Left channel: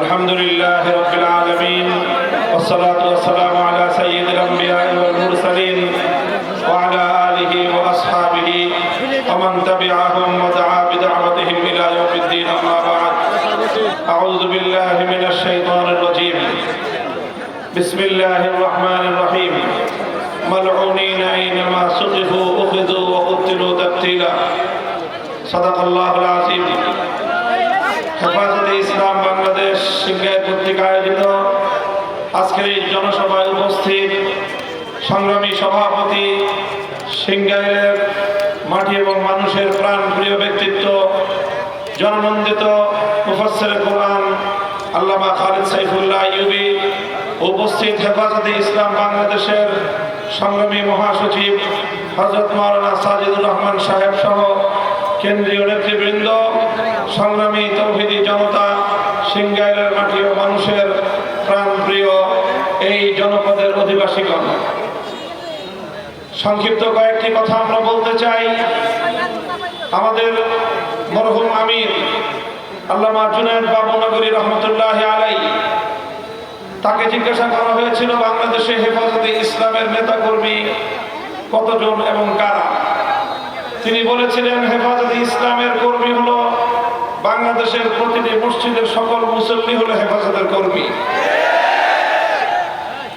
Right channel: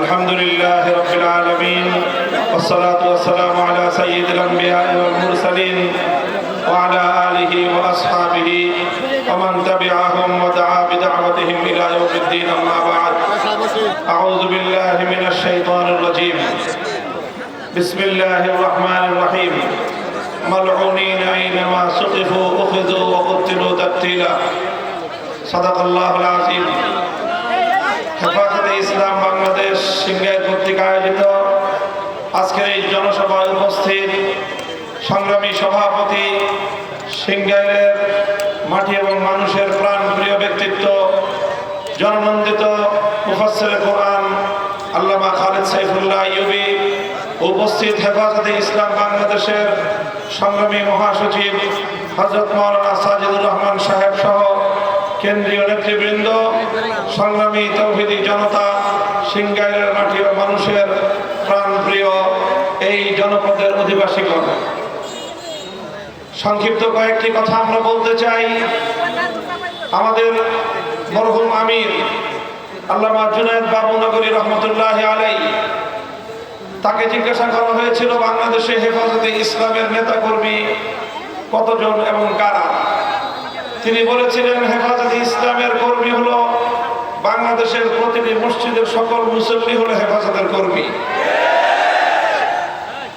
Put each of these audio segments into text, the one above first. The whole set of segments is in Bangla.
الحمد لله رب العالمين والصلاة والسلام على سيد الأنبياء والمرسلين وعلى آله وأصحابه ومن تبعهم ودعا بدعوتهم إلى يوم الدين أما بعد أعوذ بالله من الشيطان الرجيم بسم الله الرحمن الرحيم ملعونين أينما سقفوا أخذوا وقتلوا تقتيلا صدق الله العظيم হেফাজতে ইসলাম বাংলাদেশ সিংগাইর কর্তৃক আয়োজিত আজকের এই জনসভায় উপস্থিত সংগ্রামী সভাপতি, সিংগাইরের মাটি এবং মানুষের প্রাণপ্রিয় ব্যক্তিত্ব, জননন্দিত মুফাসসিরে কোরআন আল্লামা খালিদ সাইফুল্লাহ আইয়ুবী, উপস্থিত হেফাজতে ইসলাম বাংলাদেশের সংগ্রামী মহাসচিব হযরত মাওলানা সাজিদুর রহমান সাহেব সহ কেন্দ্রীয় নেতৃবৃন্দ, সংগ্রামী তৌহিদি জনতা, সিংগাইরের মাটি ও মানুষের প্রাণপ্রিয় এই জনপদের অধিবাসীগণ, সংক্ষিপ্ত কয়েকটি কথা আমরা বলতে চাই। আমাদের মরহুম আমির আল্লামা জুনায়েদ বাবুনগরী রহমতুল্লাহি আলাইহি, তাকে জিজ্ঞাসা করা হয়েছিল বাংলাদেশে হেফাজতে ইসলামের নেতাকর্মী কতজন এবং কারা। তিনি বলেছিলেন হেফাজতে ইসলামের কর্মী হলো বাংলাদেশের প্রতিটি মসজিদের সকল মুসল্লি হলো হেফাজতের কর্মী।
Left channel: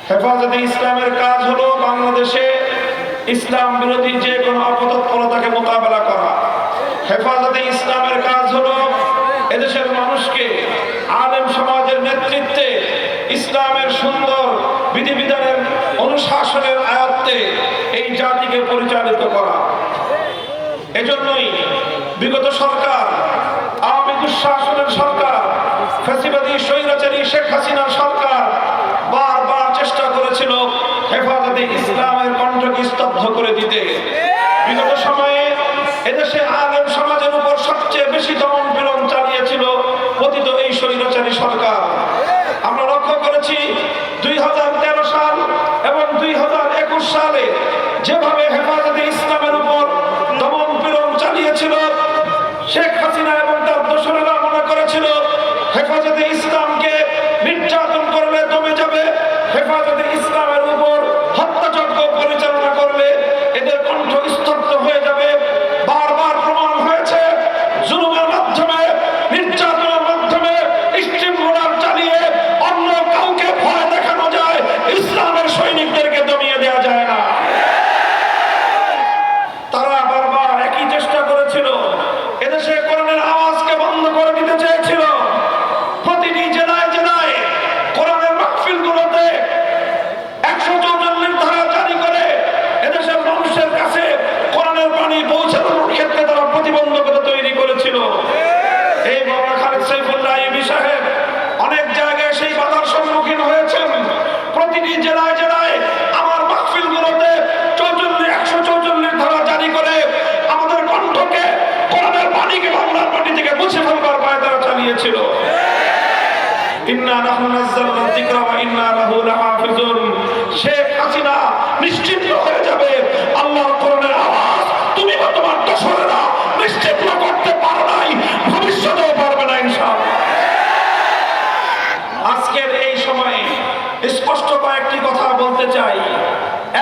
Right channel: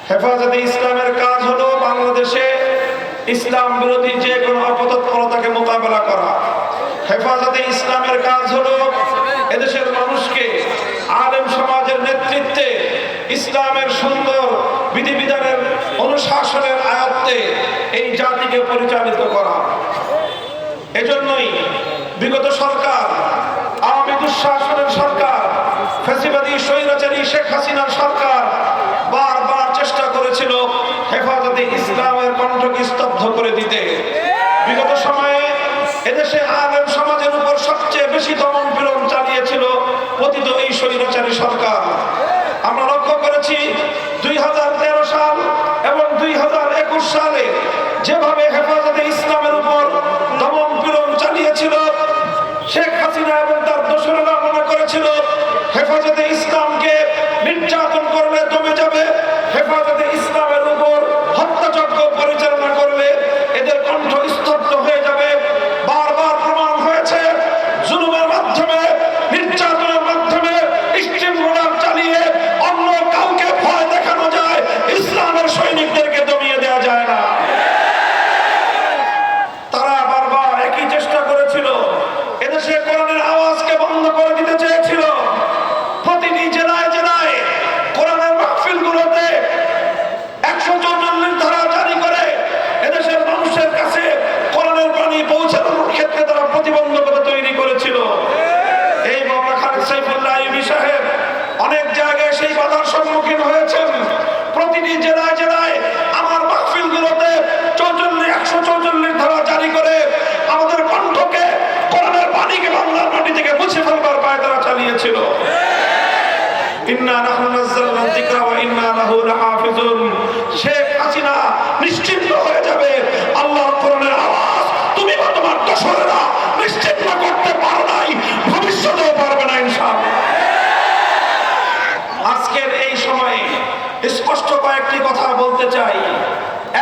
হেফাজতে ইসলামের কাজ হলো বাংলাদেশে ইসলাম বিরোধী যে কোনো অপতৎপরতাকে মোকাবেলা করা। হেফাজতে ইসলামের কাজ হলো এদেশের মানুষকে আলেম সমাজের নেতৃত্বে ইসলামের সুন্দর বিধিবিধানের অনুশাসনের আয়ত্তে এই জাতিকে পরিচালিত করা। এজন্যই বিগত সরকার, আওয়ামী দুঃশাসনের সরকার, ফ্যাসিবাদী স্বৈরাচারী শেখ হাসিনার সরকার বারবার চেষ্টা করেছিল হেফাজতে ইসলামের কণ্ঠকে স্তব্ধ করে দিতে। বিগত সময়ে এদেশে আলেম সমাজের উপর সবচেয়ে বেশি দমন পীড়ন চালিয়েছিল পতিত এই স্বৈরাচারী সরকার। আমরা লক্ষ্য করেছি 2013 সাল এবং 2021 সালে যেভাবে হেফাজতে ইসলামের উপর দমন পীড়ন চালিয়েছিল, শেখ হাসিনা এবং তার দোসরেরা মনে করেছিল হেফাজতে ইসলামকে নির্যাতন করলে দমে যাবে, হেফাজতে ইসলামের উপর হত্যাযজ্ঞ পরিচালনা করলে এদের কণ্ঠ স্তব্ধ হয়ে যাবে। বারবার প্রমাণ হয়েছে জুলুমের মাধ্যমে, নির্যাতনের মাধ্যমে, স্ট্রিম রোলার চালিয়ে অন্য কাউকে ভয় দেখানো যায়, ইসলামের সৈনিকদেরকে দমিয়ে দেওয়া যায় না। তারা বারবার একই চেষ্টা করেছিল, এদেশে কোরআনের আওয়াজকে বন্ধ করে দিতে চেয়েছিল। প্রতিটি জেলায় জেলায় কোরআনের মাহফিলগুলোতে 144 ধারা জারি করে এদেশের মানুষের কাছে কোরআনের বাণী পৌঁছানোর ক্ষেত্রে তারা প্রতিবন্ধকতা তৈরি করেছিল। এই মাওলানা খালিদ সাইফুল্লাহ আইয়ুবী সাহেব অনেক জায়গায় সেই বাধার সম্মুখীন হয়েছেন। প্রতিটি জেলায় জেলায় আমার মাহফিলগুলোতে 144 ধারা জারি করে আমাদের কণ্ঠকে, কোরআনের বাণীকে বাংলার মাটি থেকে মুছে ফেলবার পায়তারা চালিয়েছিল। ইন্না নাহনু নাযালনা যিকরা ওয়া ইন্না লাহু লাহাফিজুন। শেখ হাসিনা নিশ্চিন্ত হয়ে যাবে, আল্লাহর কোরআনের আওয়াজ তুমি বা তোমার দোসরেরা নিশ্চিত না করতে পারো নাই, ভবিষ্যতেও পারবে না ইনশাআল্লাহ। আজকের এই সময়ে স্পষ্ট কয়েকটি কথা বলতে চাই।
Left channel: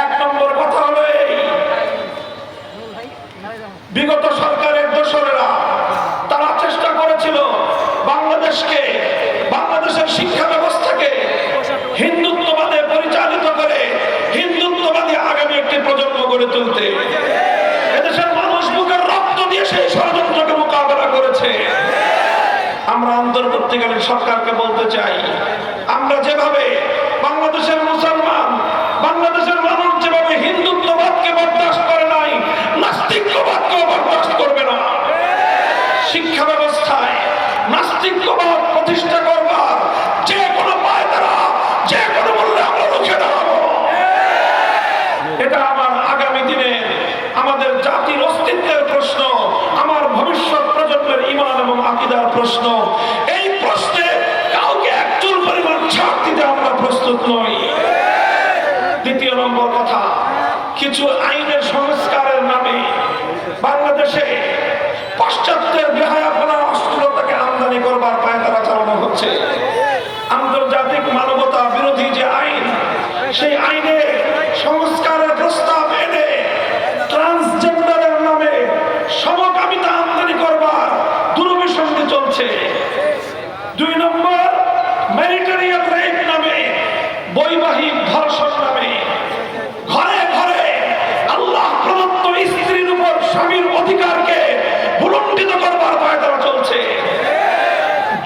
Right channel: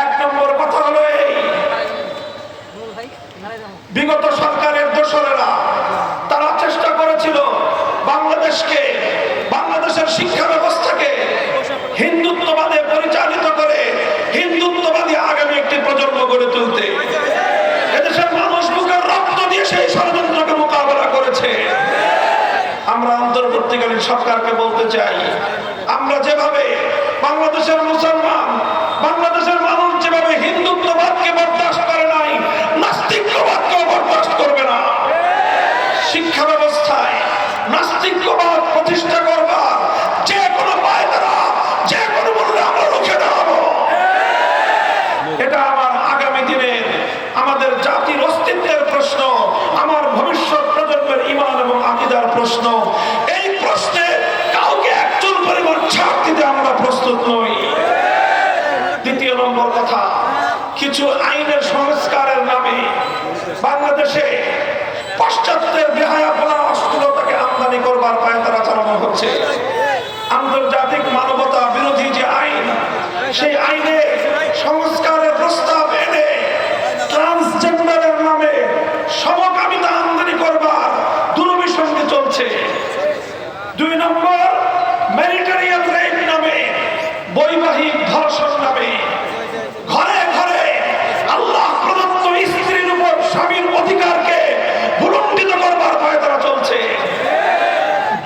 এক নম্বর কথা হলো এই, বিগত সরকারের দোসরেরা তারা চেষ্টা করেছিল বাংলাদেশের শিক্ষা ব্যবস্থাকে হিন্দুত্ববাদে পরিচালিত করে হিন্দুত্ববাদী আগামী একটি প্রজন্ম গড়ে তুলতে। এদেশের মানুষ বুকের রক্ত দিয়ে সেই ষড়যন্ত্রকে মোকাবেলা করেছে। আমরা অন্তর্বর্তীকালীন সরকারকে বলতে চাই, আমরা যেভাবে বাংলাদেশের মুসলমান, বাংলাদেশের মানুষ যেভাবে হিন্দুত্ববাদকে বরদাস্ত করে নাই, নাস্তিকবাদকেও বরদাস্ত করবে না। শিক্ষা ব্যবস্থায় নাস্তিকবাদ প্রতিষ্ঠা করবার যে কোনো পায়তারা, যে কোনো মূল্যে আমরা রুখে দাঁড়াবো। এটা আমার আগামী দিনের আমাদের জাতির অস্তিত্বের প্রশ্ন, আমার ভবিষ্যৎ প্রজন্মের ঈমান এবং আকীদার প্রশ্ন। এই প্রশ্নে কাউকে একচুল পরিমাণ ছাড় দিতে আমরা প্রস্তুত নই। দ্বিতীয় নম্বর কথা, কিছু আইনের সংস্কারের নামে বাংলাদেশে পাশ্চাত্যের বেহায়াপনা অশ্লীলতাকে আমদানি করবার পায়তারা চালানো হচ্ছে। আন্তর্জাতিক মানবতা বিরোধী যে আইন, সেই আইনে সংস্কারের প্রস্তাব এনে ট্রান্সজেন্ডারের নামে সমকামিতা আমদানি করবার দুরভিসন্ধি চলছে। 2 নম্বর, ম্যারিটারিয়াল রেপ নামে, বৈবাহিক ধর্ষণ নামে ঘরে ঘরে আল্লাহ প্রদত্ত স্ত্রীর উপর স্বামীর অধিকারকে ভুলুণ্ঠিত করবার পায়তারা চলছে।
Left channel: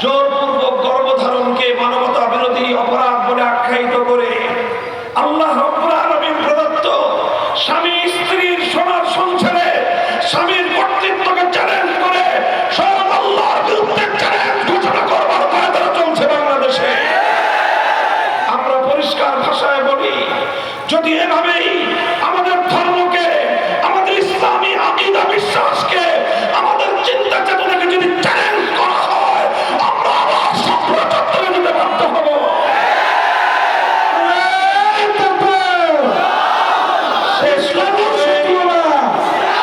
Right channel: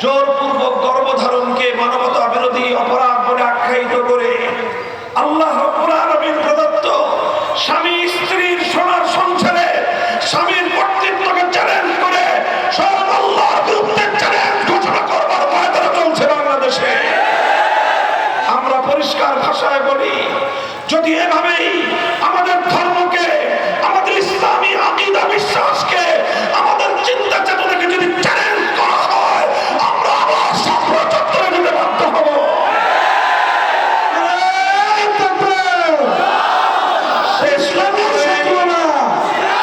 জোরপূর্বক গর্ভধারণকে মানবতা বিরোধী অপরাধ বলে আখ্যায়িত করে আল্লাহ রাব্বুল আলামিন প্রদত্ত স্বামী স্ত্রীর সোনার সংসারে স্বামীর কর্তৃত্বকে চ্যালেঞ্জ করে স্বয়ং আল্লাহর বিরুদ্ধে চ্যালেঞ্জ ঘোষণা করবার পায়তারা চলছে বাংলাদেশে। আমরা পরিষ্কার ভাষায় বলি, যদি এভাবেই আমাদের ধর্মকে, আমাদের ইসলামী আকীদা বিশ্বাসকে, আমাদের চিন্তা চেতনাকে যদি চ্যালেঞ্জ করা হয়, আমরা আবার সক্রিয় চত্বরে দিতে বাধ্য হব।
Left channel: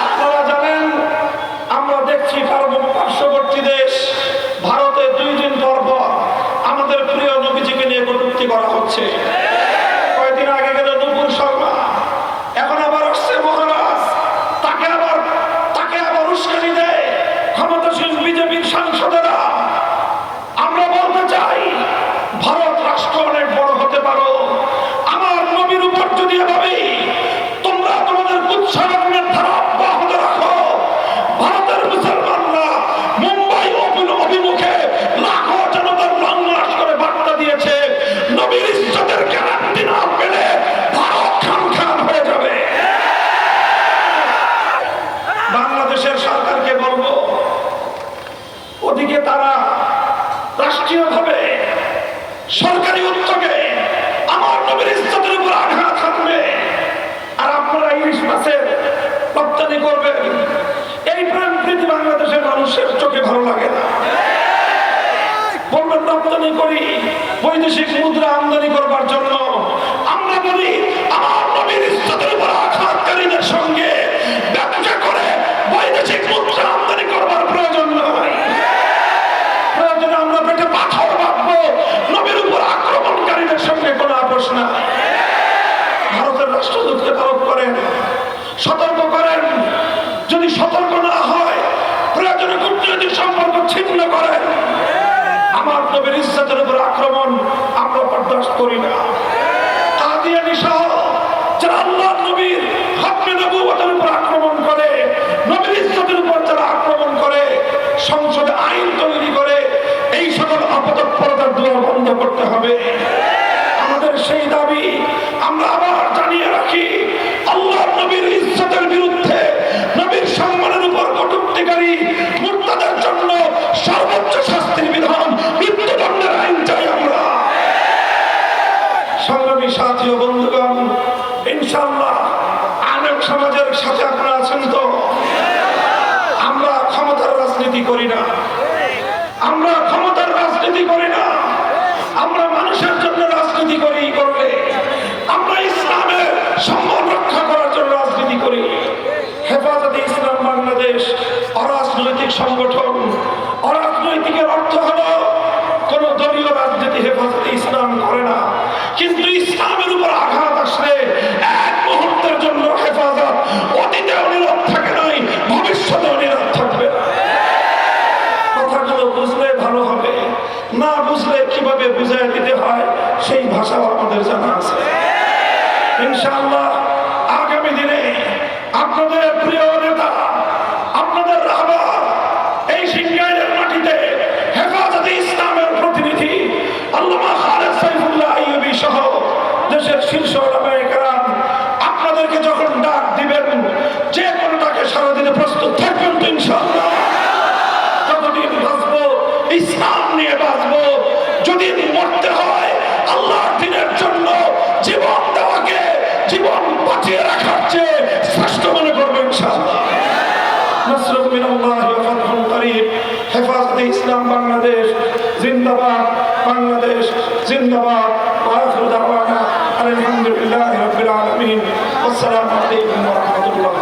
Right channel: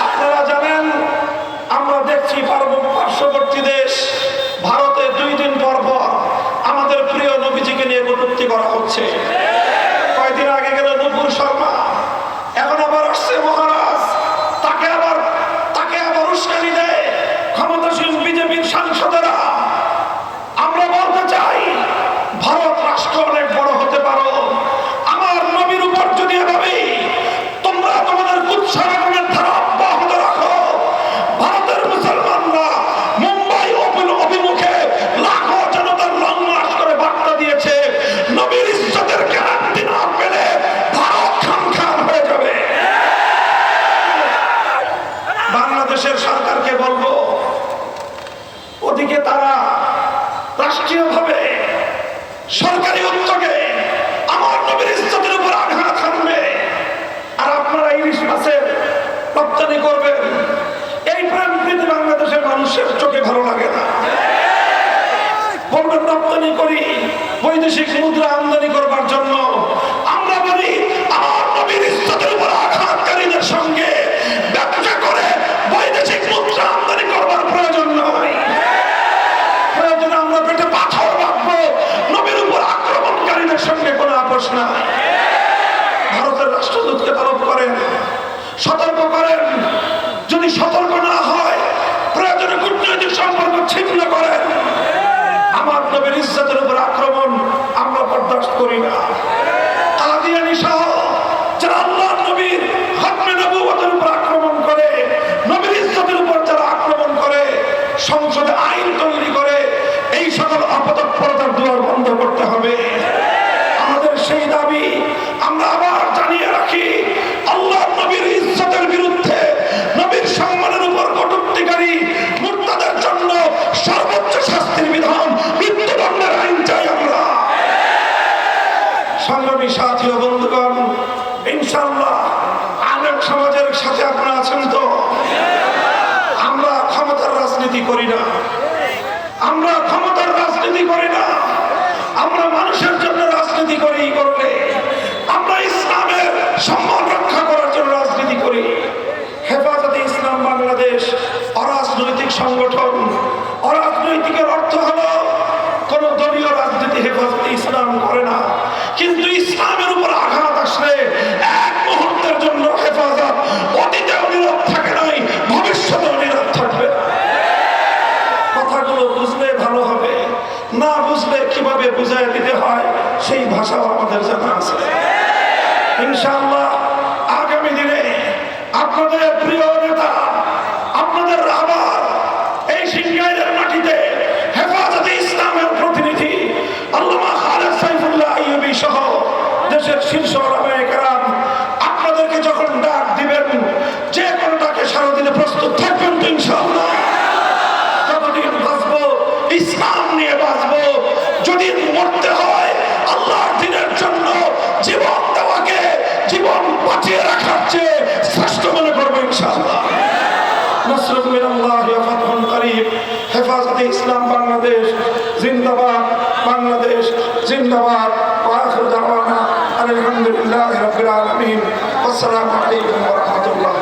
আপনারা জানেন, আমরা দেখছি পার্শ্ববর্তী দেশ ভারতে 2 দিন পর পর আমাদের প্রিয় নবীজিকে নিয়ে কটূক্তি করা হচ্ছে। কয়েকদিন আগে গেল নুপুর শর্মা, এখন আবার আসছে মহারাজ, তাকে আবার উস্কানি দেয় ক্ষমতাসীন বিজেপির সাংসদেরা। আমরা বলতে চাই, ভারত রাষ্ট্র অনেক বড় হতে পারো, আমার নবীর উপর যদি এভাবেই তোমরা তোমাদের কুৎসারণের ধারা অব্যাহত রাখো, ভারতের মুসলমানরা মুম্বাই অভিমুখে লাখো জনতার লং মার্চ করে বার্তা দিয়েছে, নবীর ইজ্জতের গ্যারান্টি না পেলে ভারত খান হয়ে যাবে। বাংলাদেশের সরকারকে বলবো, ওদিকে তারা রাষ্ট্রীয়ভাবে সরকারি উদ্যোগে আমার নবীর ইজ্জতের উপর আঘাত হানবে, আর আপনারা ইলিশ মাছের রপ্তানি করবেন। এই প্রেম প্রীতি বাংলাদেশের মানুষের চোখে ভালো লাগে না। বলবেন রপ্তানি করি বৈদেশিক মুদ্রা আমদানি করবার জন্য। আমরা বলি, আমার নবীর ইজ্জতের উপর আঘাতকারীদের সঙ্গে ব্যবসা করে বৈদেশিক মুদ্রা আমদানি করবার প্রয়োজন নয়। প্রয়োজনে আমরা পেটে পাথর রাখবো, নবীর উপর আক্রমণকারীদের সঙ্গে কোনো আপোষ না। ভারতের রাষ্ট্রদূতকে তলব করেন, সতর্ক করেন, যদি সতর্ক না হয় প্রয়োজনে কূটনৈতিক সম্পর্ক ছিন্ন করেন। আমার নবীর ইজ্জতের উপর আক্রমণ আমরা বরদাস্ত করি না। কাদিয়ানী সহ যারা আল্লাহর নবীর খতমে নবুয়তের উপর আক্রমণ করে, নবীর ইজ্জতের উপর যারা আক্রমণ করে, সংসদে আইন তৈরি করে এই সকল অপতৎপরতার দুয়ার বন্ধ করতে হবে। আমাদের সেই দাবি আমরা আবার জানিয়ে রাখি, আল্লাহর নবীর ইজ্জতের বিরুদ্ধে, নবীর সম্মানের উপর কটূক্তিকারী মুরতাদের জন্য সর্বোচ্চ শাস্তির বিধান, মৃত্যুদণ্ডের আইন চাই আমরা। সংগ্রামী সাথী ও বন্ধুগণ, ইনশাআল্লাহ আলেম সমাজের সাথে আপনারা আছেন তো? আমরা ক্ষমতার রাজনীতি করি না, আমরা ক্ষমতার রাজনীতি করি না, আমরা মানুষের জন্য রাজনীতি করি। করলে আমরা ইসলামের সম্মান রক্ষা করার জন্য রাজনীতি করি। হেফাজতে ইসলাম বাংলাদেশ অরাজনৈতিক সংগঠন। অরাজনৈতিকের অর্থ হলো কোন দলীয় রাজনীতি হেফাজতে ইসলাম করে না, কিন্তু ইসলামের উপর আঘাত আসলে এক মুহূর্তের জন্য হেফাজত অতীতেও নীরব থাকে নাই, ভবিষ্যতেও নীরব থাকবে। কথাগুলো বুঝলে ভালো হবে, না বুঝলে কিভাবে বুঝাই দিতে হয় সেই ভাষাও আমাদের জানা আছে। ইনশাআল্লাহ আগামী দিনে আপনাদের প্রিয় নেতা, আপনাদের রাহবার, এই সিংগাইরের মাটিতে হেফাজতে ইসলামের প্রতিনিধি আল্লামা খালেদ সাইফুল্লাহ আইয়ুবী সহ দেশের শীর্ষ ওলামায়ে কেরাম আপনাদেরকে যখন ডাক দিবেন, যে কোনো ডাকে সারা দিনে প্রস্তুত থাকবেন তো ইনশাআল্লাহ। যতদিন বাঁচবো ইসলাম নিয়ে বাঁচবো, যদি মরতে হয় আল্লাহর দ্বীনের জন্য জীবন দেওয়াকে জীবন বাঁচিয়ে রাখার চেয়ে শ্রেষ্ঠ মনে করবো ইনশাআল্লাহ। নাসরুন মিনাল্লাহি ওয়া ফাতহুন করিব। হেফাজতে ইসলাম বাংলাদেশ জিন্দাবাদ, বাংলাদেশ জিন্দাবাদ। ওয়া আখিরু দাওয়ানা আলহামদুলিল্লাহি রাব্বিল আলামিন। আসসালামু আলাইকুম ওয়া রাহমাতুল্লাহ।